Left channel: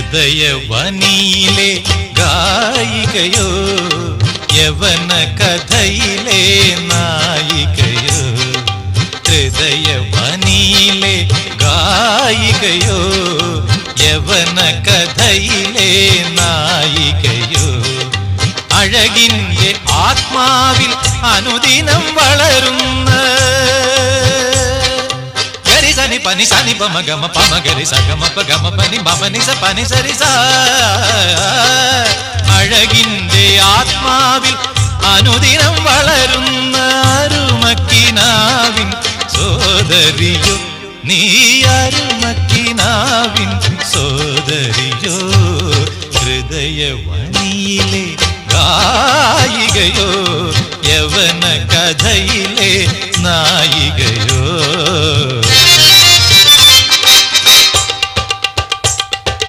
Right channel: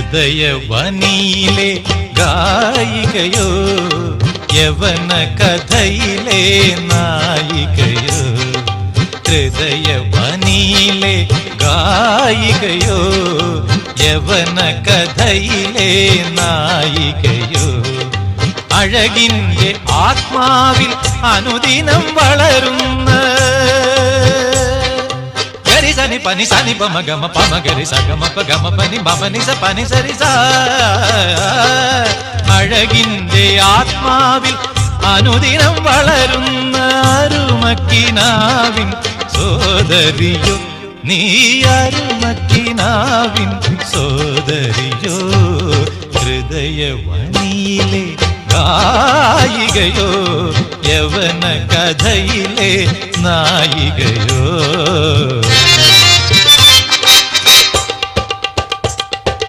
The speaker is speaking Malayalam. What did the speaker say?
ഹൃദയവനിയിലെ ഗായികയോ യവന കഥയിലെ നായികയോ ഹൃദയവനിയിലെ ഗായികയോ യവന കഥയിലെ നായികയോ അഴകിന്റെ ആത്മാവിൽ അനുദിനം വളരുന്ന ഗരിസനി പനി സനി പമഗമ പമഗരി സഗമ പഗമ പനി ബമനി സ പനി സരി സ അഴകിന്റെ ആത്മാവിൽ അനുദിനം വളരുന്ന അരുമക്കിനാവിൻ സോദരിയോ നീ അരുമക്കിനാവിൻ സോദരിയോ ഹൃദയവനിയിലെ ഗായികയോ യവന കഥയിലെ നായികയോ